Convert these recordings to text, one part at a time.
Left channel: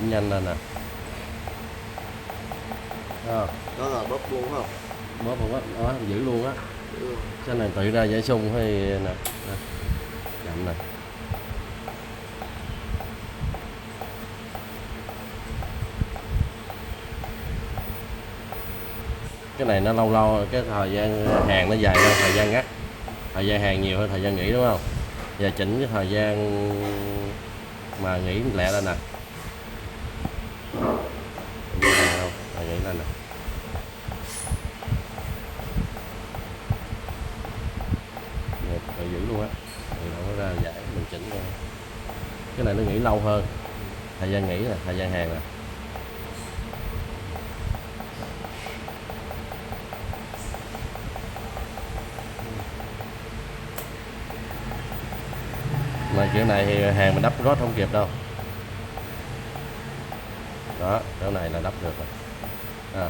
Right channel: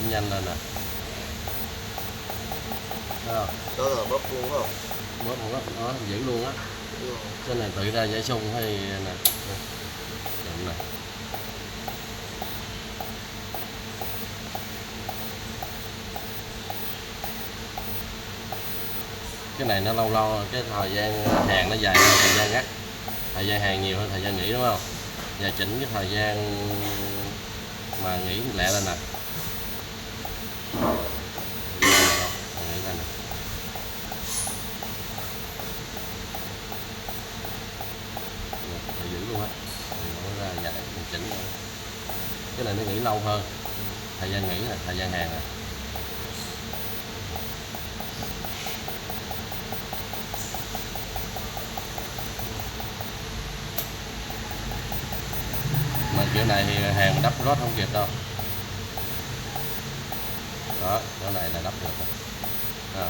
cũng nhanh lên nè. Đó là bóp luôn không? bóp không á, đó giữ luôn á. Ừ. Cái này tự ra giải sung hay nè, chậm nè. Cái này nó lâu lâu cái thời gian hàng nó dài hơn thời gian ngắt, thời gian hàng nhiều hơn thời gian nghỉ đúng không? Giờ chỉnh cái thời gian mà nghỉ lẹ lên nè. Nghỉ lên nè. Tự giữ luôn á, nó ra dài mình chỉnh luôn. Cái này nó nghỉ lâu hơn, thời gian nghỉ là thời gian hàng à. Mà kiểu này thì hàng mình đắp rót không kịp đâu. Đó, cái này là đắp được rồi. À.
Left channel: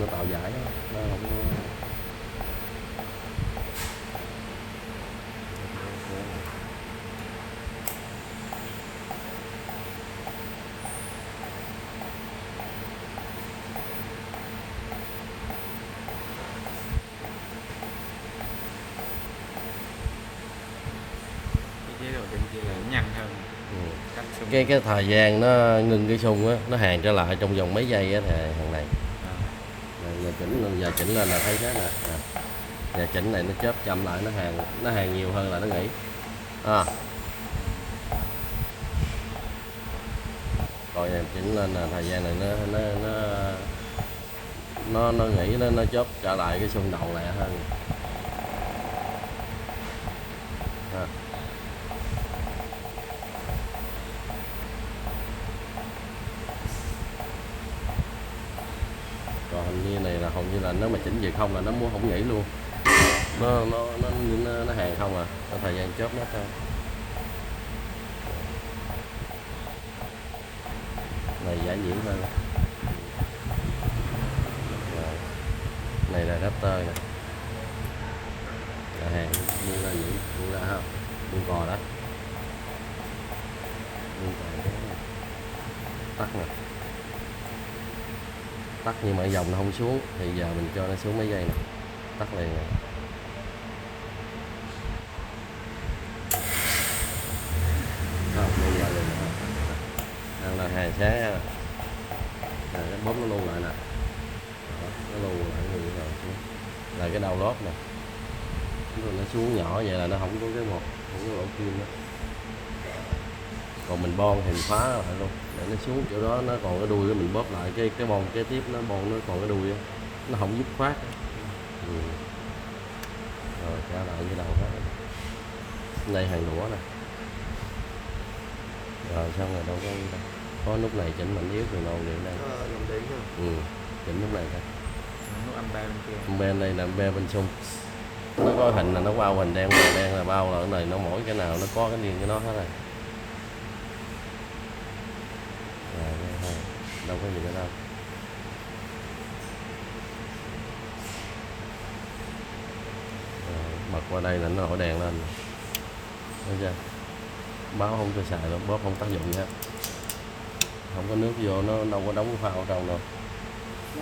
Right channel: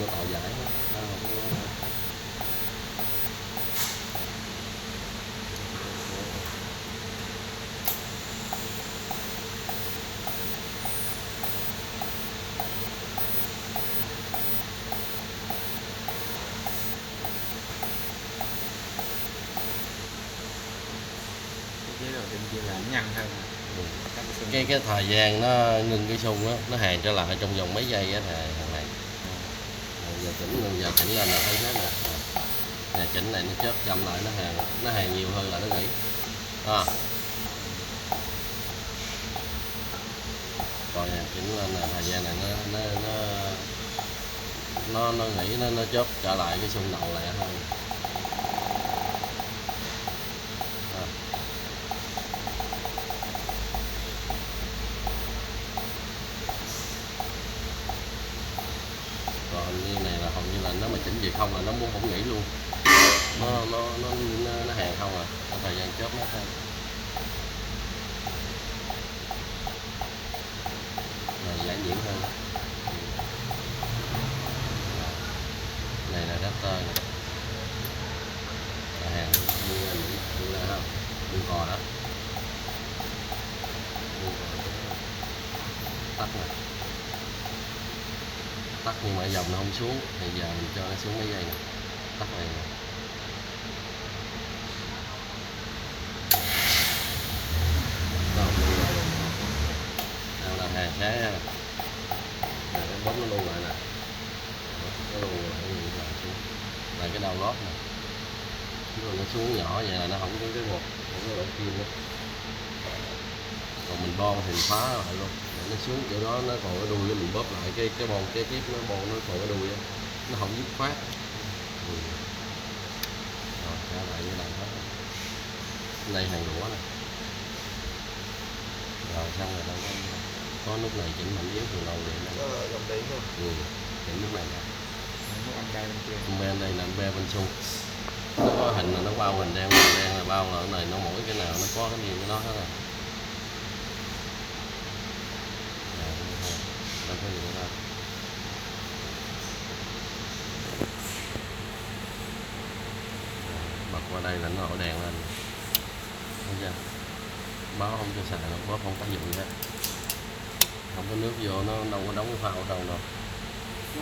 Nó tạo giải đó. Chế độ bên kia là nhanh hơn. Cái thời gian nó ngưng cái xung á, nó hàng trở lại trong vòng mấy giây á thì thằng này. Giờ chỉnh, giờ chỉnh lên là thấy thế nè. Giờ chỉnh này nó chớp chậm lại, nó hàng nhiều hơn là nó nghỉ. À. Rồi chỉnh lên là thời gian này nó nghỉ, nó chớp trở lại cái xung đầu lại hơn. À. Còn như này là hầu như là nếu mà chỉnh gì không là nó muốn không nghỉ luôn, nó hàng không à, có thời gian chớp nó thôi. Này giải nhiễm hơn. Này là raptor này, là hàng mua ra Mỹ, mua ra không, mua cò đó, mua cò tắt nè, tắt nhưng mà dòng nó không xuống thì giờ mình cho nó xuống mấy giây nè, tắt này nè. Luôn lại luôn. Đây là hàng thế ha. Nó bấm nó luôn lại nè, nó luôn lại như vậy là cái đầu lót nè, nó xuống nhỏ vậy là nó không có cái một cái lỗ kim đó. Còn mình bon thì phá lại luôn để nó xuống chỗ đó, nó còn cái đuôi đó mình bóp lại cái bon kế tiếp, nó bon nó còn cái đuôi đó. Nó không dứt khoát. Rồi trả lại như đầu hết. Đây hàng lũa nè. Rồi xong rồi đâu có lúc này chỉnh mạnh yếu từ đầu điện đây. Chỉnh lúc này thôi. Âm ba bên kia. Bên đây là bên xung. Nó có hình là nó bao hình đen là bao là cái này nó mỗi cái nào nó có cái gì của nó hết rồi. Đâu có gì nữa đâu. Bật qua đây là nó nổi đèn lên. Thấy chưa? Báo không cho xài đâu, bóp không tác dụng nhé. Không có nước vô nó đâu có đóng phao đâu nè.